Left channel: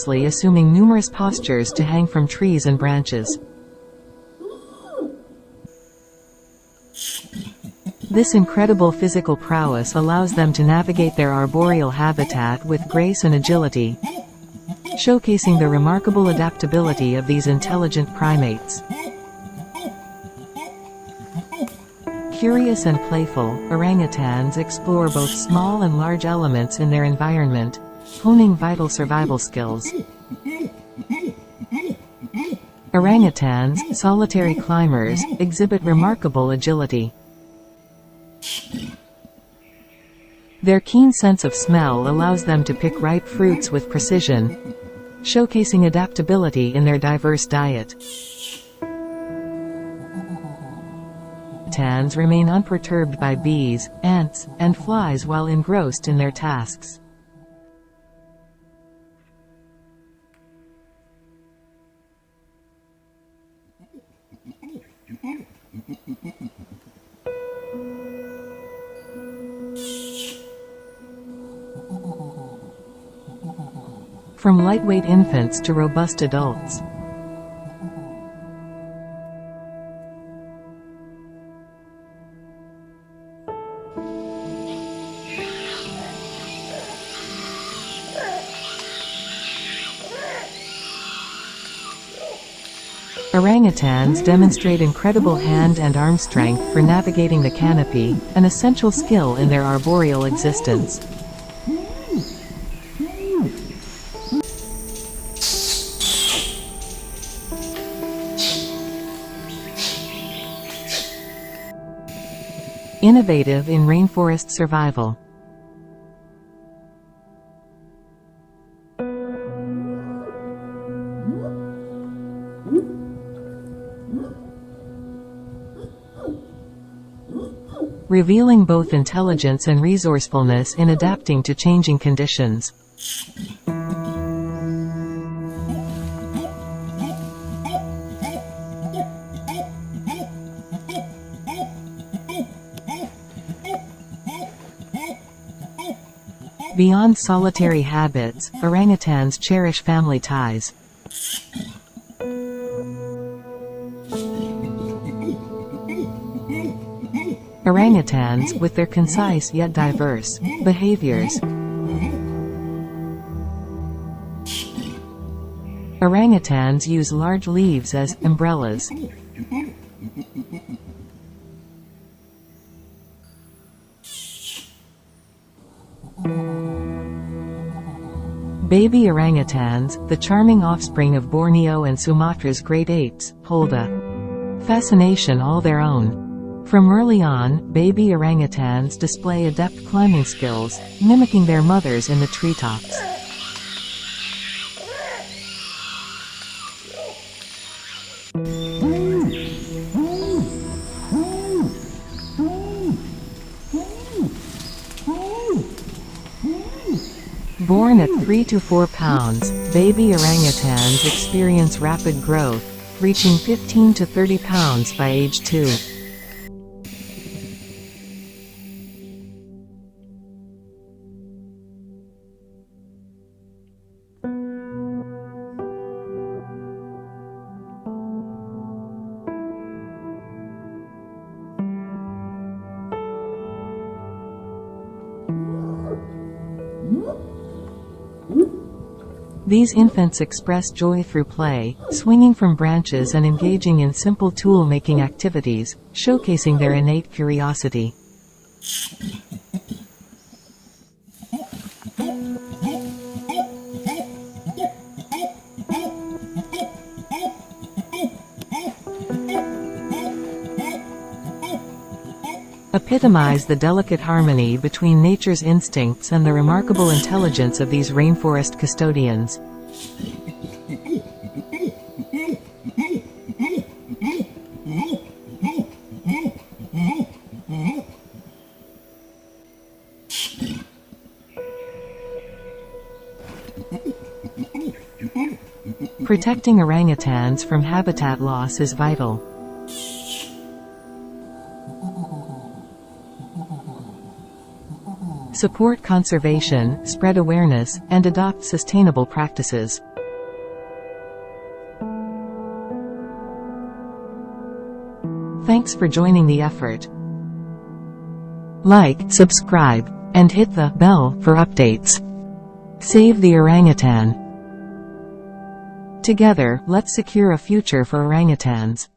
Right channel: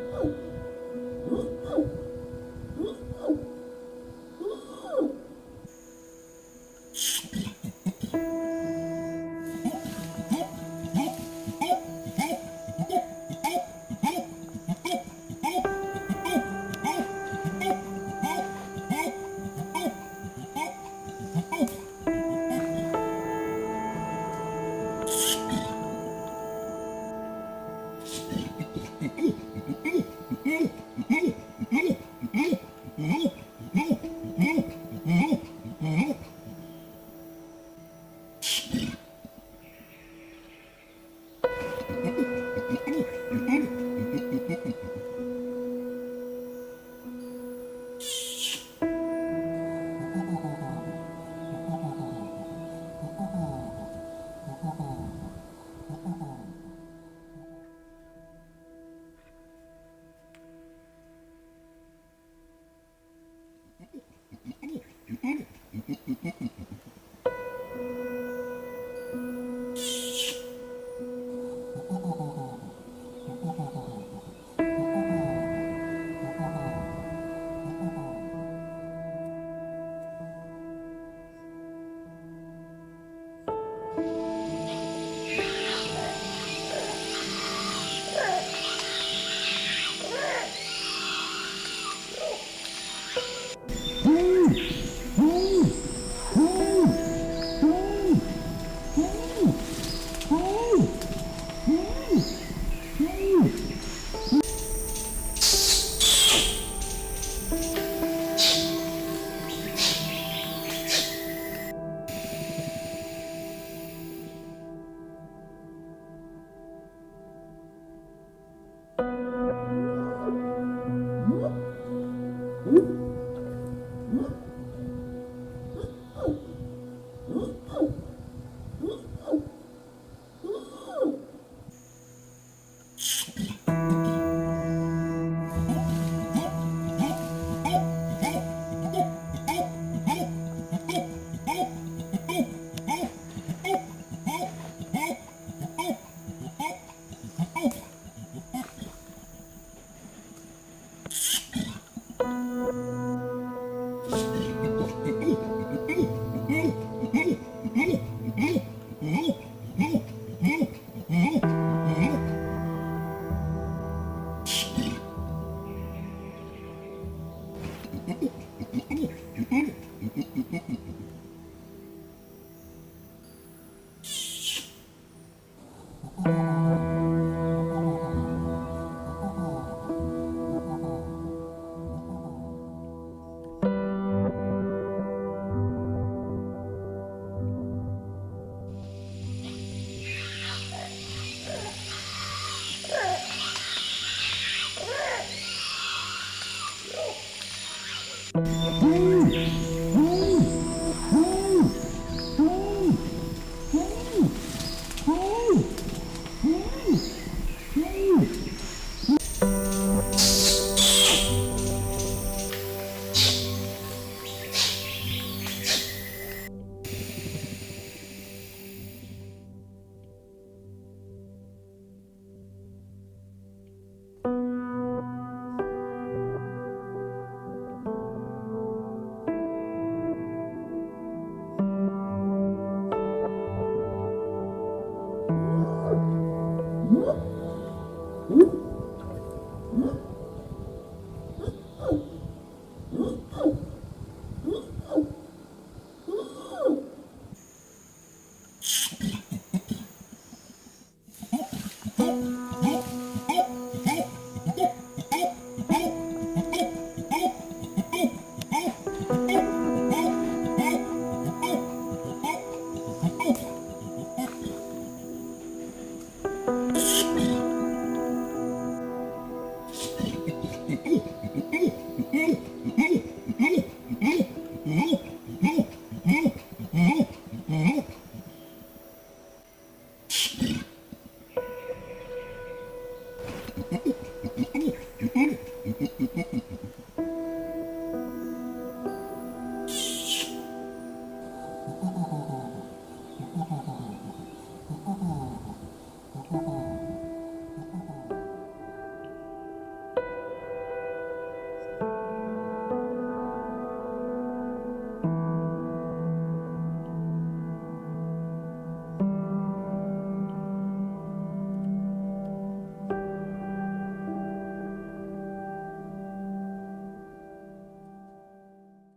effortlessly, assuming numerous postures to hang from trees and branches. This incredible physical prowess allows them to navigate their arboreal habitat with grace and agility, showcasing the remarkable adaptability of these intelligent primates. Curious and playful, orangutans explore both small and large elements in their environment, honing vital survival skills. Orangutans, solitary climbers, exhibit remarkable agility. Their keen sense of smell allows them to pick ripe fruits with precision, showcasing adaptability in their diverse diet. Orangutans remain unperturbed by bees, ants, and flies while engrossed in their tasks. From lightweight infants to robust adults, orangutans demonstrate incredible hand and arm strength for navigating the canopy, an essential skill in their arboreal existence. Innovative in rainforest survival. Revealing both intelligence and resourcefulness in adapting to changing conditions. Beyond solitary habits, orangutans cherish family ties. Orangutans, with their concise yet diverse behaviors. Orangutans use large leaves as umbrellas. Baby orangutans, the charming offspring of Borneo and Sumatra's great apes, hold a fascination all their own. From early on, baby orangutans display adept climbing skills, mimicking their mothers in the treetops. Born at 3 to 4 pounds, baby orangutans experience rapid growth, reaching 15 to 30 pounds by age 2. These infants express joy through play, swinging from branches and engaging in simple tool-making activities, showcasing their innate curiosity. Epitomize the delicate harmony between nature's instincts and the remarkable intelligence of these rainforest custodians. Protecting orangutans from habitat loss is vital. Support conservation, spread awareness, and adopt sustainable practices. Thanks for joining the effort. Like, subscribe, and hit the bell for updates. Save the orangutan. Together, let's secure a future for orangutans.